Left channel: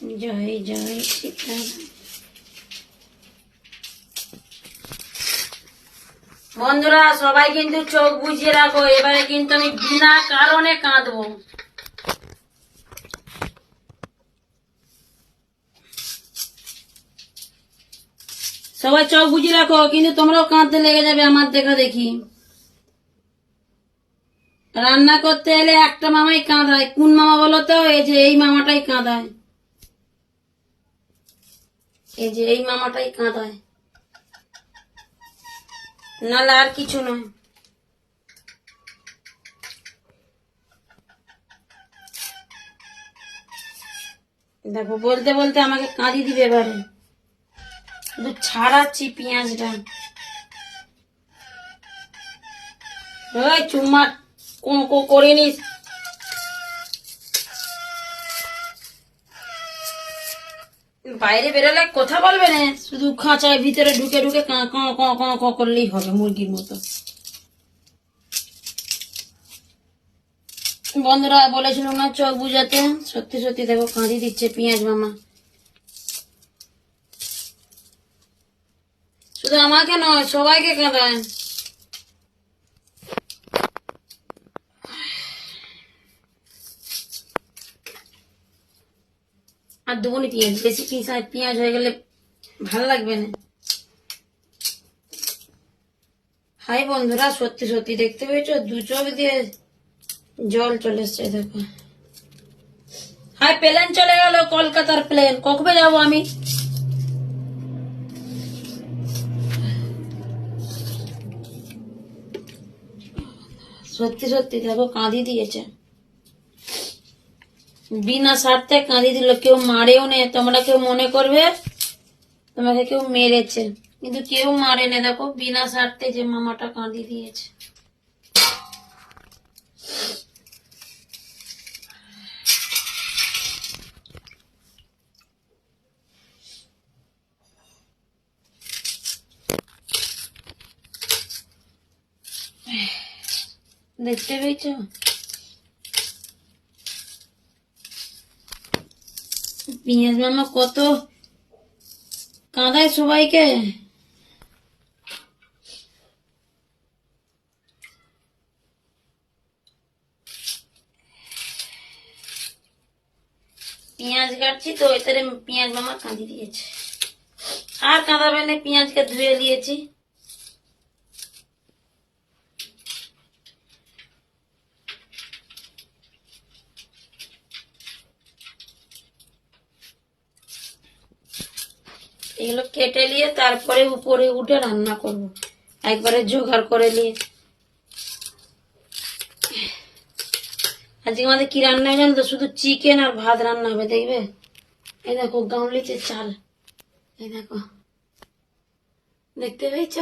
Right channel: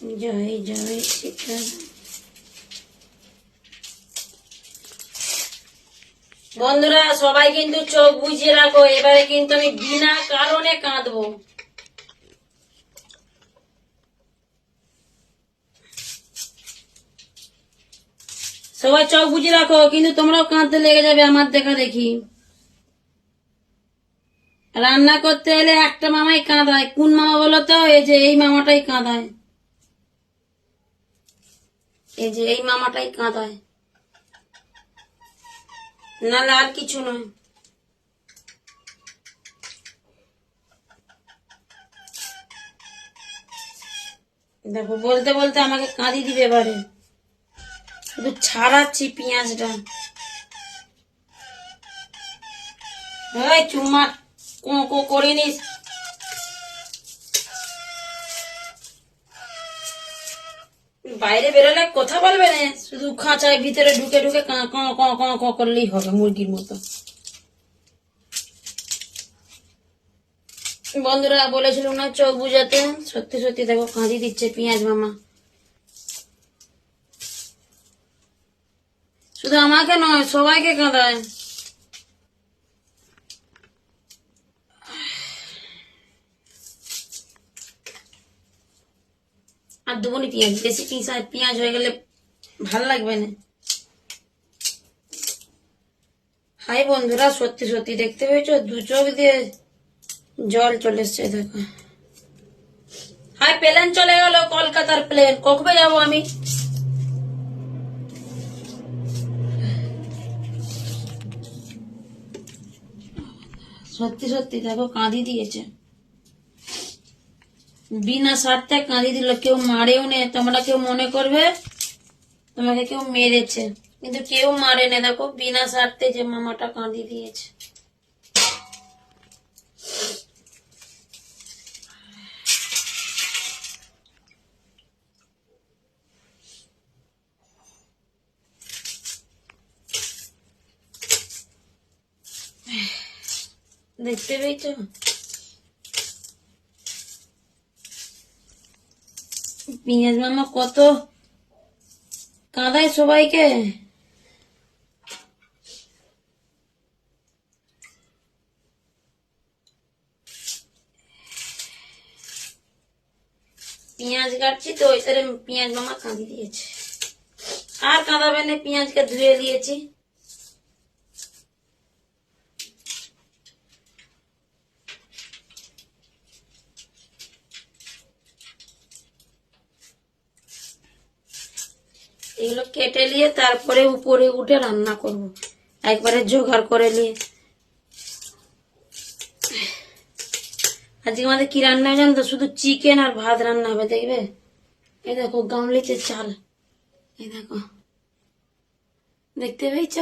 জয় জয় সীতা। বন্ধুরা সবাই কিন্তু চোখ বুঝিয়ে রাখো, এবারে কিন্তু আমি বিনা কারণে কাঁদবো। সবাই চোখ বুঝিয়ে রাখো, কিন্তু তোমরাও কাঁদতে লেগে যাবে আমার দেখা দেখি। রান্না করতে এলে একটা মামাই কাঁদায়, কোন মামা বলো তো? এই যে এই মামাটাই কাঁদায়, এই যে এই মামাটাই কাঁদায়, নাহলে আর কিছু নয়। দেখো বলতে বলতে আমাকে কাঁদি দিবে এবারে, শুধু ছাড়াচ্ছি পেঁয়াজটা। চুম্মা কোঁকো করে নিস। বাইরে বেরোলে কথা বলবে না, শুধু খাঁচায় ভিতরে ঢুকে ঢুকে কাঁ কাঁ কাঁ কাঁ কাঁ করলেই হবে মুরগির মতো। বন্ধুরা বলেছিল না চোখ বুঝাতে, সত্যি সত্যি দেখো কাঁদি দিচ্ছে পেঁয়াজ মামা। শুধু আমাকে নয়, সবাইকে কাঁদায়। আর দুগুনি পেঁয়াজ, বেশি পেঁয়াজ হয়ে গেলে ভাল লাগবে না। হাই বন্ধুরা, সত্যি সত্যি দেখতে পেয়েছো, দু চোখ দিয়ে জল চলে এসছে দেখো। হাই প্লেন চলে গেল, কলকাতার প্লেন। কবে যাবো আমি? সত্যি সত্যি দেখো কাঁদি দিয়েছে, বিনা স্বার্থে কাঁদি দিল। কেউ মারেও নে, তোমরা কেউ মনে করবে তোমাকে কেউ মেরেছে, কিন্তু কেউ মারে না। দেখো বিনা স্বার্থে যে মামাটা কাঁদি দিয়েছে। দেখতে পেয়েছ পেঁয়াজ মামা কত কাঁদায় সবাইকে। পেঁয়াজ কাটছি তো এতে পেঁয়াজ মামা কাঁদি দিয়েছে। আর কাঁদাবে না, পেঁয়াজকে ধুয়ে দিয়েছি। এগুলো কেটে নিয়ে তারপরে উপরে উঠে রান্না করব, একবারে জোগাড় করে নিয়ে। আজকে আমাদের কি রান্না হবে জানো তো? শুধু চিকেন আর ভাত রান্না হবে, দেখবে। এই দেখো গামলিতে চাল, এই দেখো, দেখতে পেয়েছ?